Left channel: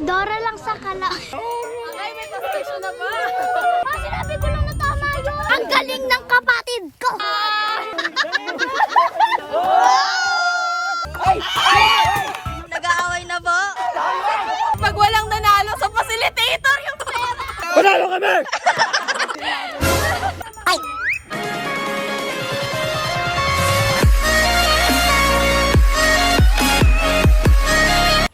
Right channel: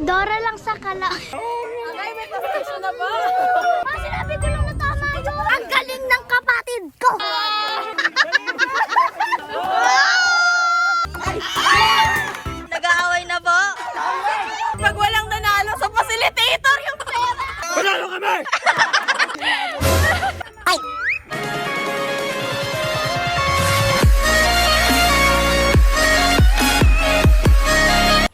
Dora lang sa kala. Ay, may pastation na ba? Sinabi ko lang na tama yun. Ang galing ng kapatid ko. Nag-aaway na po. Pag walang nanalo sa facilitator yung pera. Panalo kami!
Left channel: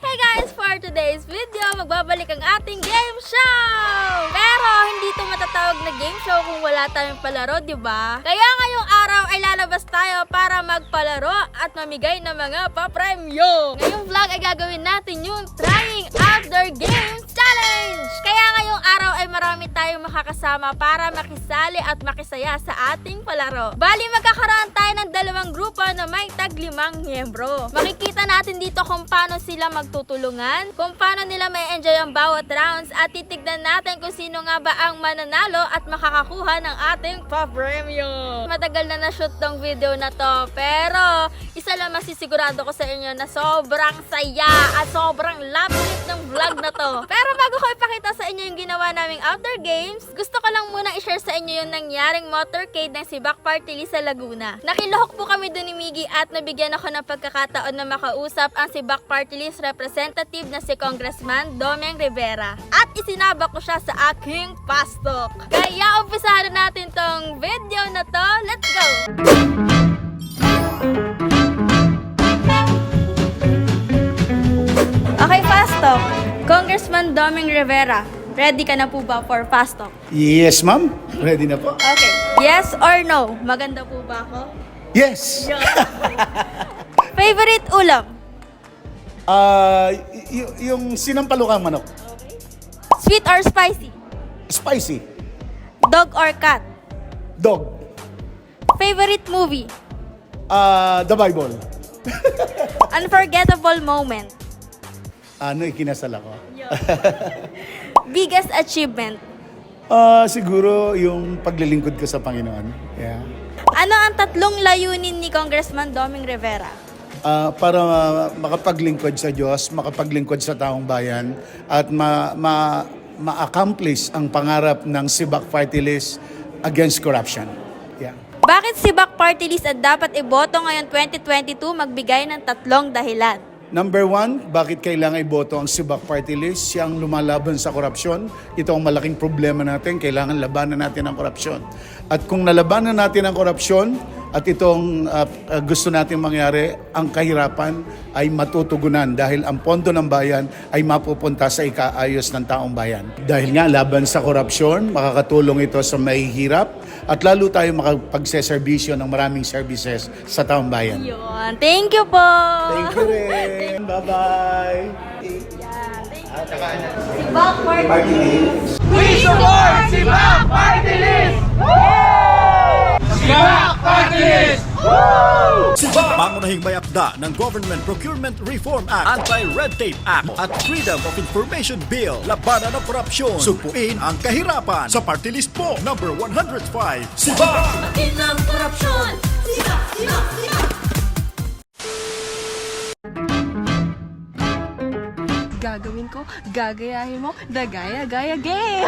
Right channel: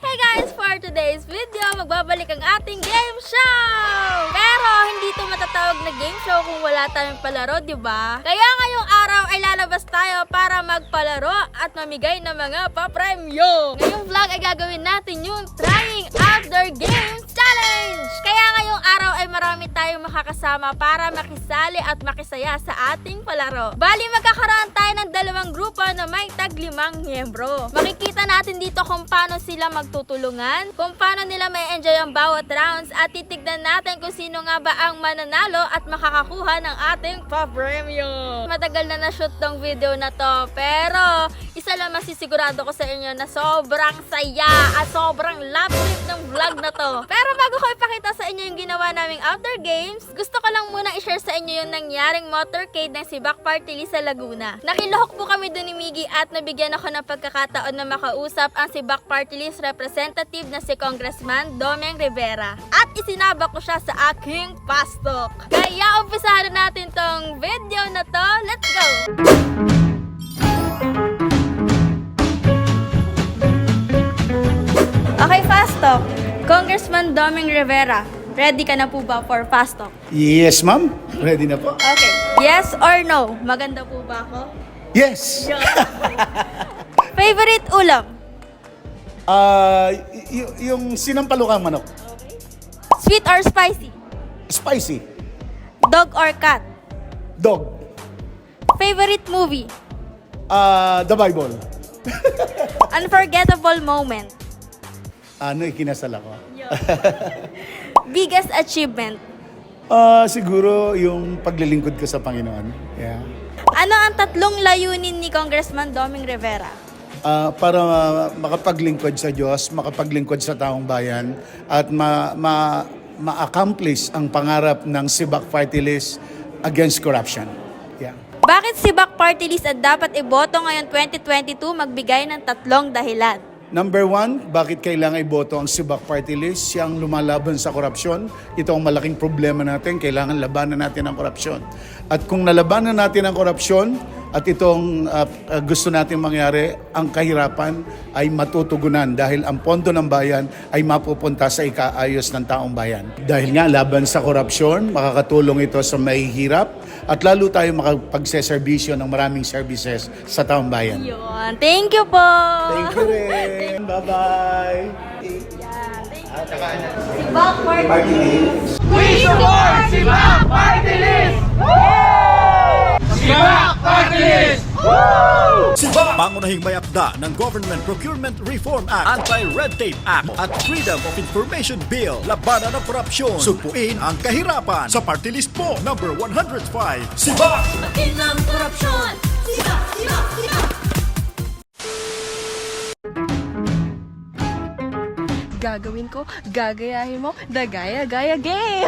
Hey guys, for today's video, magbabalik ang ating game show! Pero hindi to matatawag na game show kung wala tayong palaro, di ba? Kaya ngayong araw ay lalabas tayo para magpalaro at mamigay ng mga papremyo. Ngayong vlog ay gagawin natin yung Trying Outdoor Games Challenge! Kaya ngayong araw ay marami tayong makakasama para makisali at makisaya sa ating palaro. Bali, magkakaroon tayo ng dalawang grupo na may tag-5 miyembro. Makikita natin dito kung paano sila magtutulungan, kung paano nila may enjoy ang bawat rounds at titignan natin kung sino nga ba ang mananalo at makakakuha ng ating papremyo. Matagal na na-shoot tong video na to, pero isa lang masisigurado ko sa inyo na sobrang saya at sobrang love trip ng vlog na to. Pero bago ko ipakita sa inyo yung ginawa naming outdoor games, gusto ko lang muna i-share sa inyo yung nangyaring motorcade ng Sibak Party List sa Laguna. Nakilohok po kami doon ni Miggy at nabigyan ako ng pagkakataon na makausap ang Sibak Party List representative na si Congressman Domeng Rivera. At isinabak ko siya sa aking pastok. Kaya umpisahan natin tong video na to. Let's go! Okay, pastok. Congressman Domeng Rivera, ready ka na po ba for pastok? Yes, ma'am. Ready na po? Okay. Yes or no? Maganda po ba ako? Yes! Favorite ulam? Yung sinampalukang manok. Sweet or spicy? Spicy. Dog or cat? Dog. Favorite movie? The Bible. Unforgettable moment? Ano, ikinasal ako? Biggest achievement? Siguro yung paglilingkod ko sa Panginoon. Yeah. Ano ang 3 layunin ni Congressman Domeng Rivera? Para makapaglingkod sa Diyos, makapaglingkod sa taong bayan, at ma-accomplish ang pangarap ng Sibak Party List against corruption. Yeah. Bakit Sibak Party List at dapat iboto ngayon 2022 magbigay ng 3 dahilan? Number 1, bakit kailangan iboto ang Sibak Party List? Siyang lumalaban sa korupsyon. Ito ang malaking problema natin. Kailangan labanan natin ang korupsyon. At kung nalabanan natin ang korupsyon, at itong gusto natin mangyari, ang kahirapan ay matutugunan dahil ang pondo ng bayan ay mapupunta sa ikaayos ng taong bayan. Dahil nga laban sa korupsyon, makakatulong ito sa mahihirap at lalo tayo makapagseserbisyo ng maraming services sa taong bayan. Yun. Thank you po! Thank you rin! Bye-bye! Sibak Party List! We support Sibak Party List! Sibak Party List! Sibak! Pangunahing may akda ng Government Procurement Reform Act, Anti-Red Tape Act at Freedom of Information Bill. Labanan ng korupsyon. Sugpuin ang kahirapan. Sa party list po, number 105, Sibak! Batin ng korupsyon! Sibak! Sibak! Sibak! Gagawin ko, gagayahin mo, the gaya-gaya game!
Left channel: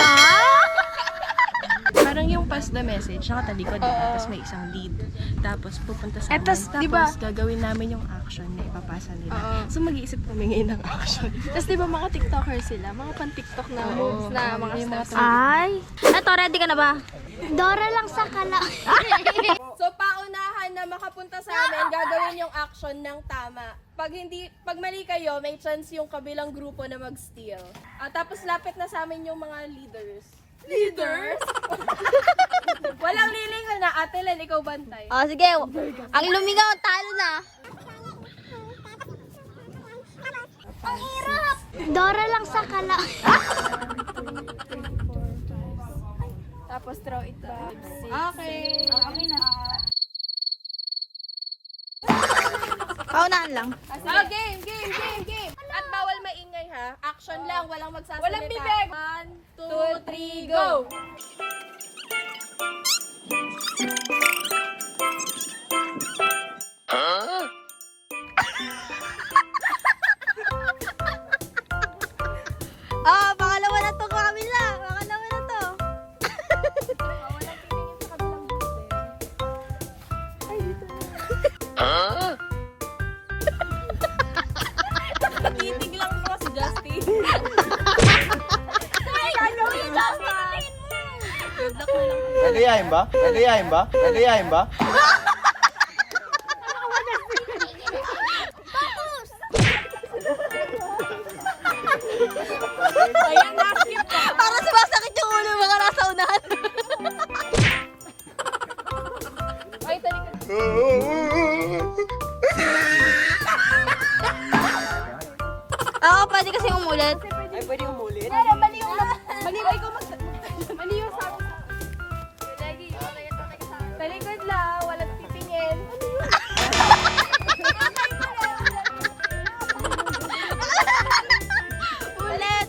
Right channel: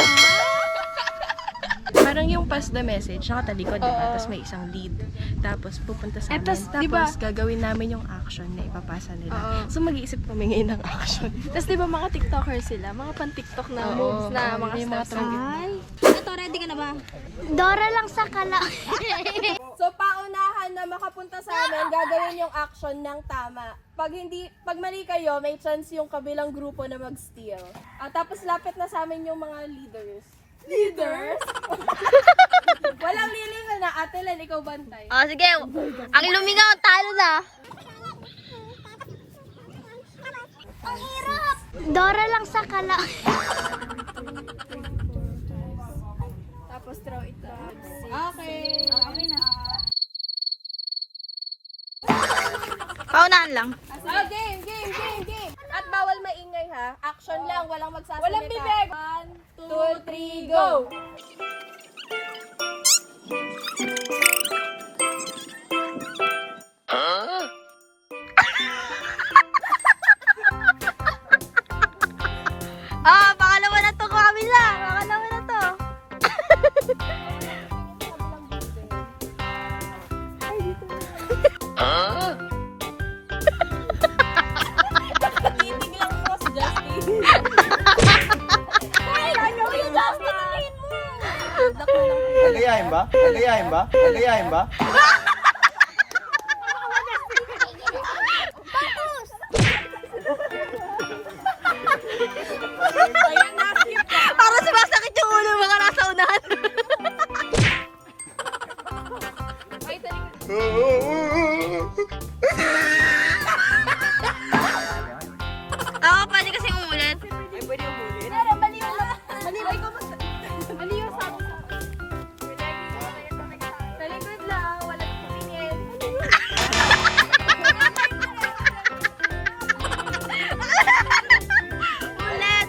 Parang yung pass the message, nakatalikod, diba? Tapos may isang lead. Tapos pupunta sa amin. Tapos diba, gagawin namin yung action na ipapasa nila. So mag-iisip kami ngayon ng action. Tapos di ba mga TikTokers sila? Mga pan-TikTok na moves na mga steps. Ay, Eto, ready ka na ba? Dora lang sa kala. So, paunahan na makapunta sa amin, gagawin yung action ng tama. Pag mali kayo, may chance yung kabilang grupo na mag-steal. Tapos lapit na sa amin yung mga leaders. Leaders? Walang lilingon na. Ate Len, ikaw bantay. Oh, sige. Ang lumingaw, talo na. Ang hirap. Dora lang sa kala. Tapos throw it back. Okay. Okay na. Paunahan lang. Game. At bawal maingay ha. Action lang, walang magsasalita. Walang bibig. 1, 2, 3, go! Gagayahin ba? Gagayahin ba? Gagayahin ba? Para sumasakit yung ulo mga nasa unahan. Ako, pwede kasi umulit. Pero mali yung mali ko mali yung sabi sa talikod lang, walang titingin. Ulit.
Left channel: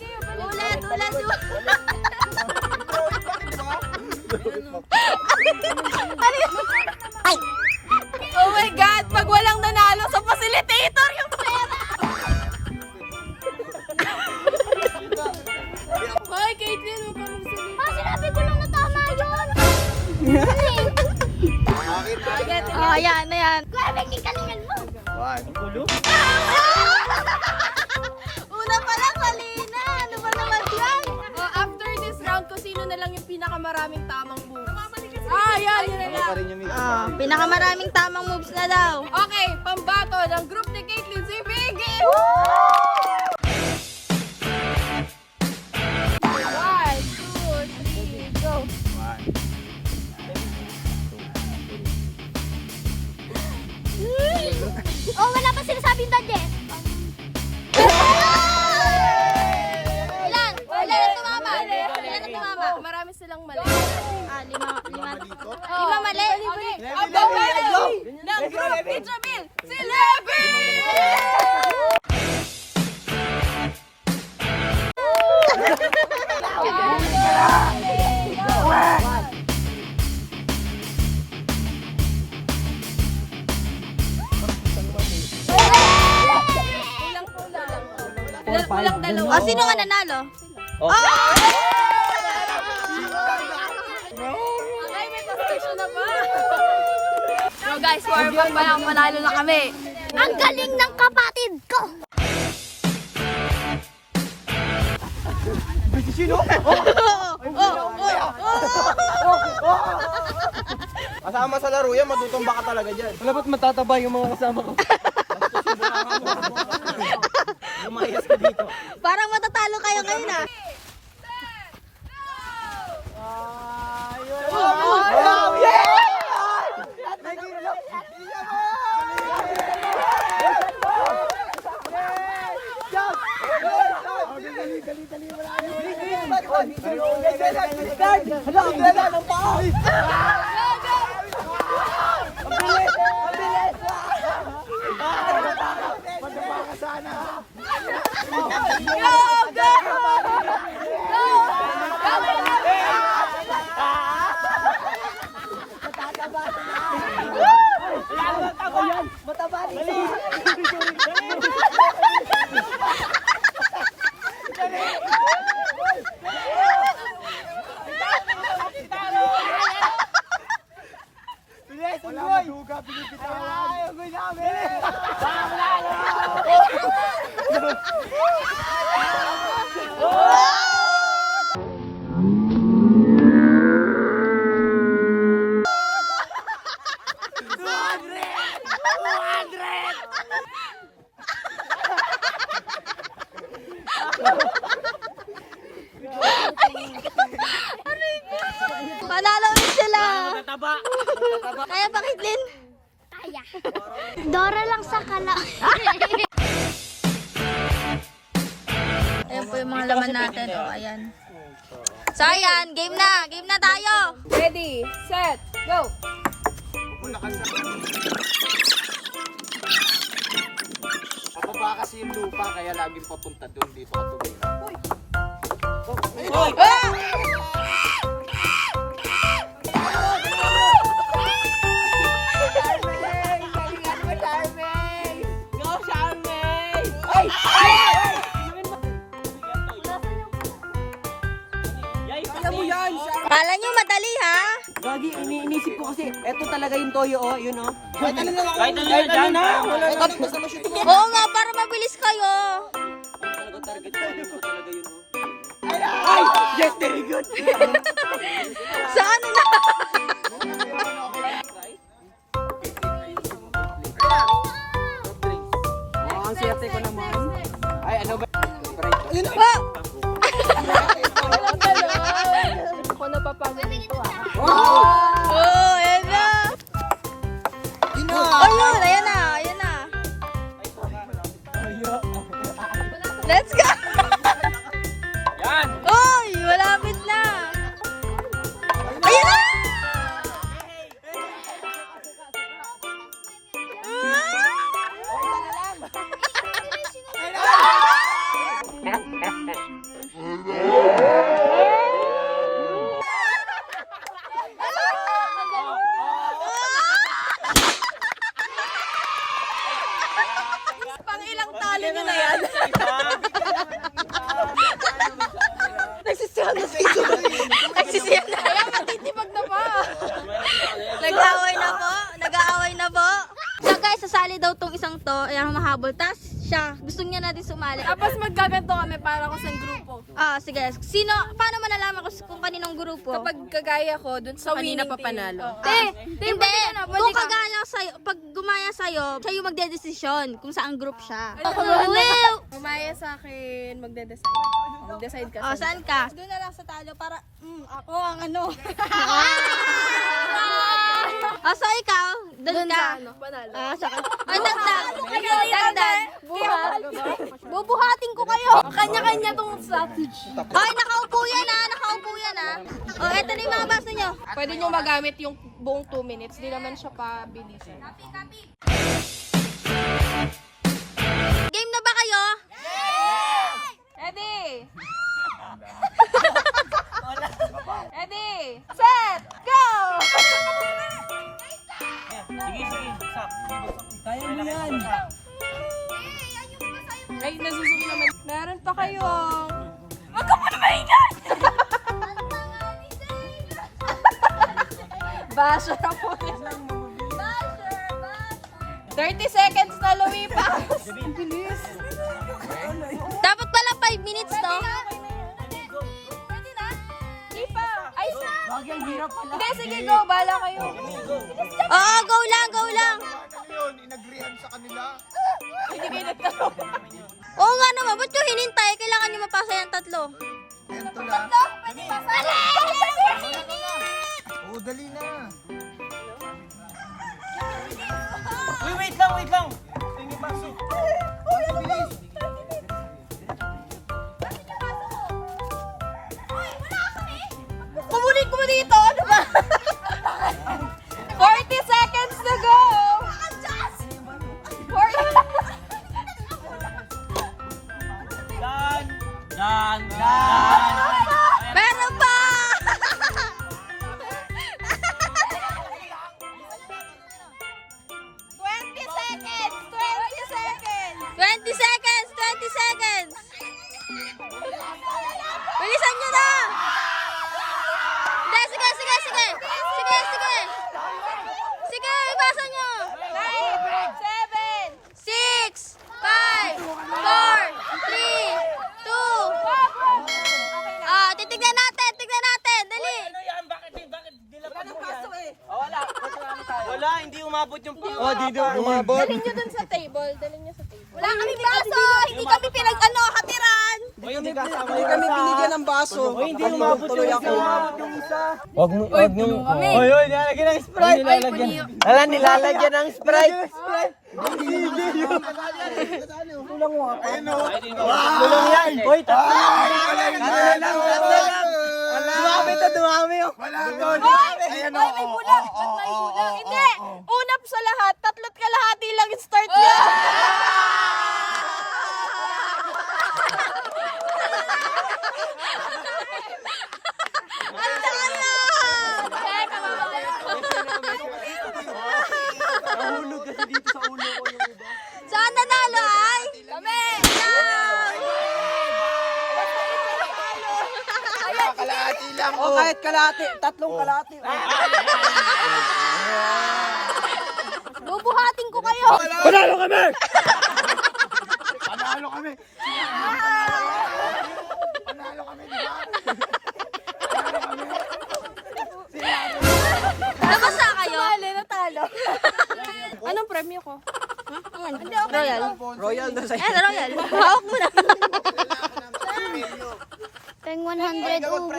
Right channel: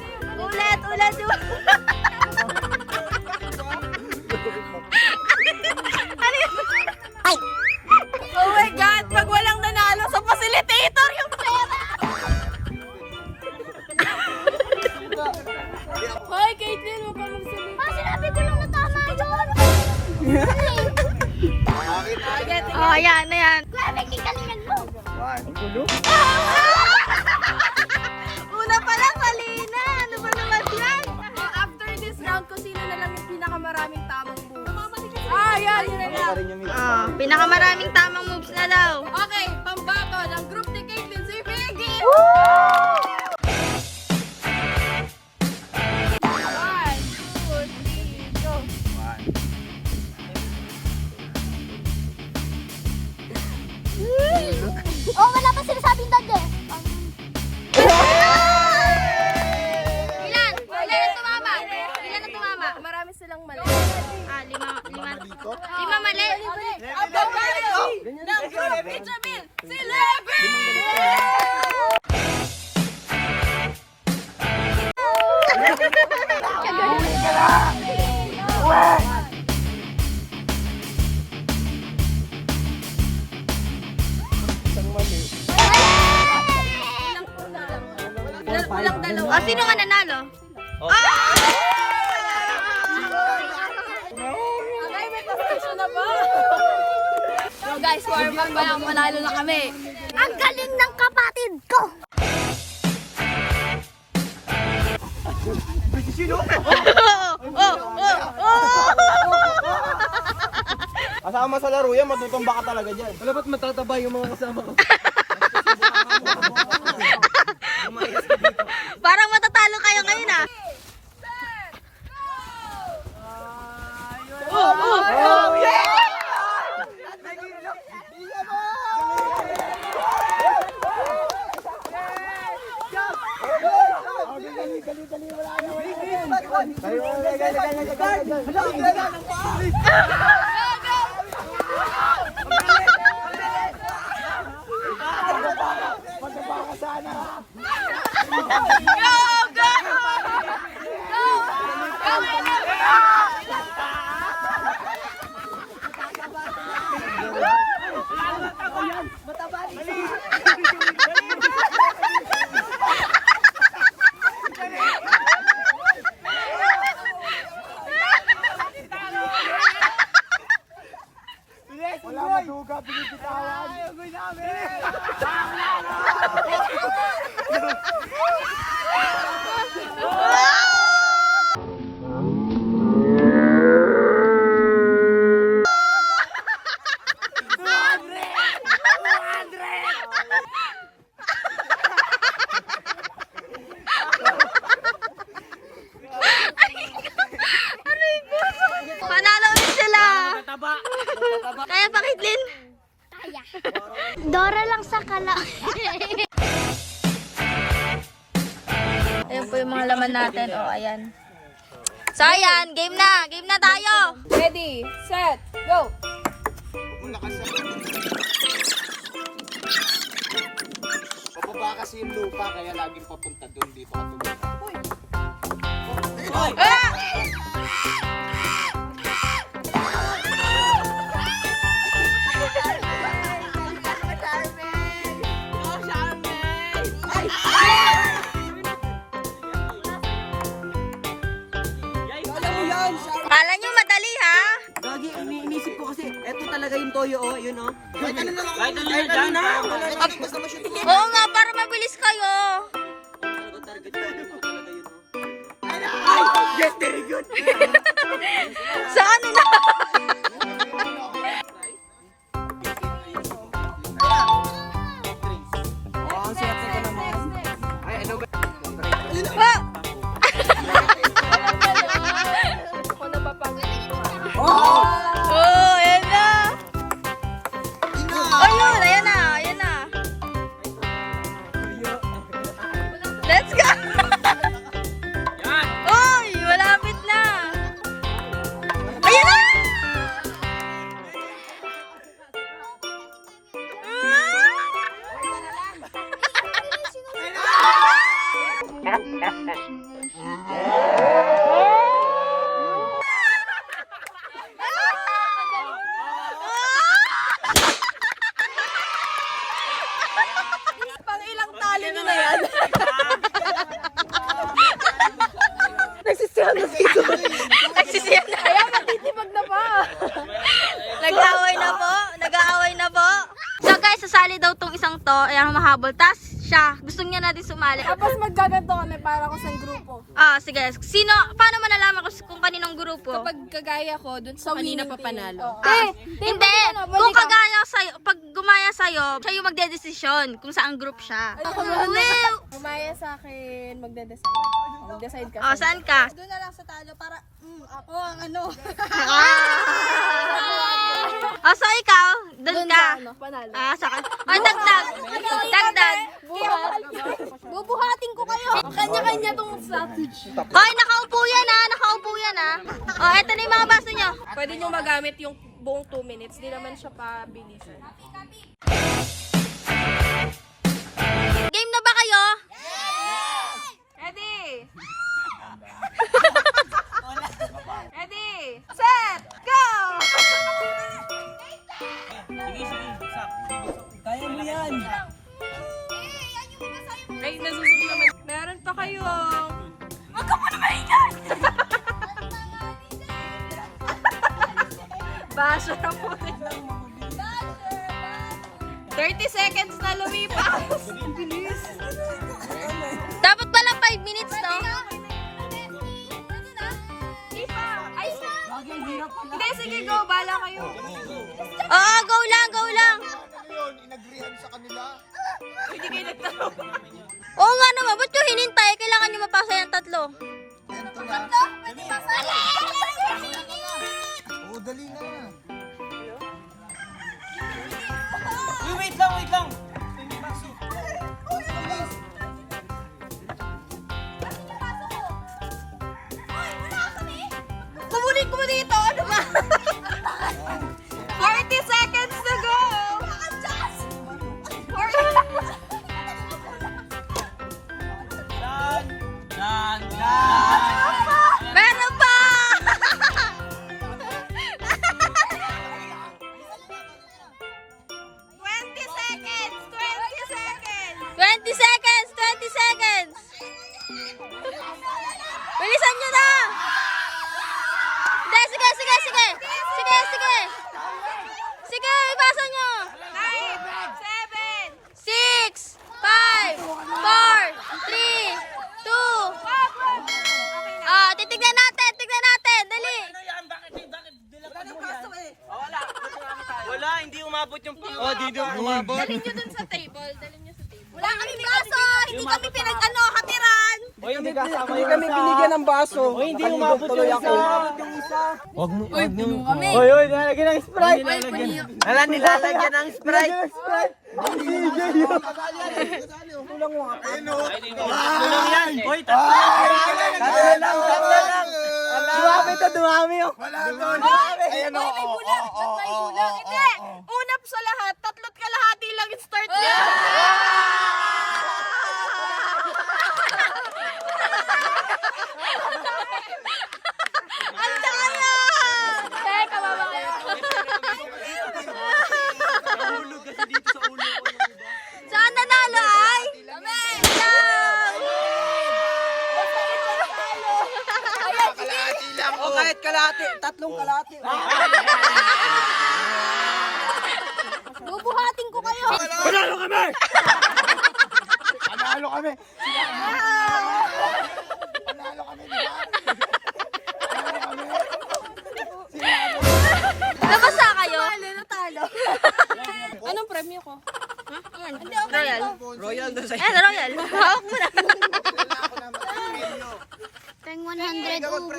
Oh my God! Pag walang nanalo sa facilitator yung pera! Hoy, Caitlyn, huwag ka magsalita. Sinabi ko lang na tama yun. Oh, ayan. Grabe, kikalingan mo. Una pa lang, mali na. Ano ba naman yan? After this round, kung sino na lang yung pinakamaraming tamang moves. Yan na lang. Pinakamaraming tamang moves na daw. Okay, pambato ng group ni Caitlyn, si Biggie! 1, 2, 3, go! Oh, wala pa sinasabing dadye. Ilan na tumama? Marami silang mali. Lima mali. Ang pambato ng group ni Jamil, si Levy! Kulang dalawa. Sino nga nanalo? Ay, may competition na ba? So guys, warm up pa lang, manalo na kami. Ang galing ng kapatid ko. Kasama sa laro yan, matutumba ka talaga dyan. Wala ba't matataba yung mga kasama ko? Parang matatalo kayo ngayon ah. Wala maduga, pinipitawan. Agoy namin! Panalo ulit sila. Kaya pa, Caitlyn? Kaya. Dora lang sa kala. Ayan po yung mga laman natin. Oh, ayan. So, ayan. Game na. Game na tayo. Ready, set, go! Pababa kasi yung lupa, kaya laging papunta doon dito ka tulad. Kala nyo madali, ha? Gagi, iniisip ko kasi, eto talaga yung toyo, oh, yun, oh. Kahit ano na! Oo nga, para mabilis kayo. Target ko, ano talaga yun, oh. Ay! Yes, very good! Saan na? bubble. Tapos siya, gusto niya natin sumali. Tapos maggaganto kami para ko sa grupo. Sige. Sino, paano malalaman kung kaninong grupo? Kapag kagaya ko, dun sa kanina pa panalo. Hindi. Kung kagaya sa'yo, pag gumaya sa'yo, siya yung magdedesisyon kung saan group siya. Umaya sa akin, magde-decide. Mag-decide ka. Saan ka? Doon na lang sa talo para ako ang ano. So ikaw, doon ka. Panalo. Saka. Dagdag. Dagdag. Bubuhatin ko kayo. Kanya-kanya tong strategy. Nakaupo yan eto na yung mga baso nyo. Pwede nyo magamit yung buong 2 minutes. Di naman siya pabilisin. Game na ba kayo? Ready? Ready? Set! Go! Kaya mo yan. Ay, nasusunod naman. Meron pa kayo. Huwag ka muna maingay! Basher na po. 30 seconds na lumipas. Bilis. Dapat pala 5 minutes, no? Ay, sa! Hindi, sige, go. Bala kayo. Go lang. Inagrihan sa kanila. Hindi kayo nagtanong. Oo nga naman, ba't yung hinintay? Kailangan nyo mapasa yung 3. Ito na. Oo, dali na. Uy, wait lang. Ito yung baso. Baso na, please. Kumunin ko dito. Ano ba? 40 seconds to go. Meron pa! 20 seconds! Bilisan nyo na! Hindi, sige! Sige, ipasa nyo! 6, 5, 4, 3, 2. Titignan natin! Dali! Wala, hindi umabot yung piyo. Oh, di doon umabot. Dalhin nyo dun sa table. Wala kami baso. Hindi kami hatiran. Hindi kami binigyan ng baso. Hindi umabot yung isa. Wag mo. Kami! Oy, nilalagyan ng Sprite. Wala, nilalagyan ng Sprite. Kulang mo ako. Tulong yan. Hoy, dumami. Wala doon. Ayan o. Hindi! Unap sa lahat, 3 kalahati lang yung start niya. Ang daya! Nahulog kasi dito sa ulo ko. Saan nanalo ay? Kami! O kahit kalahati, 3 kalahati. Bubuhatin ko kayo. Panalo kami! Panalo kami, di ba? Nabasa kayo? Natalo. Anong premyo ko? Royal. Royal na sa'yo. Royal. Hawak mo na. 100 ubo.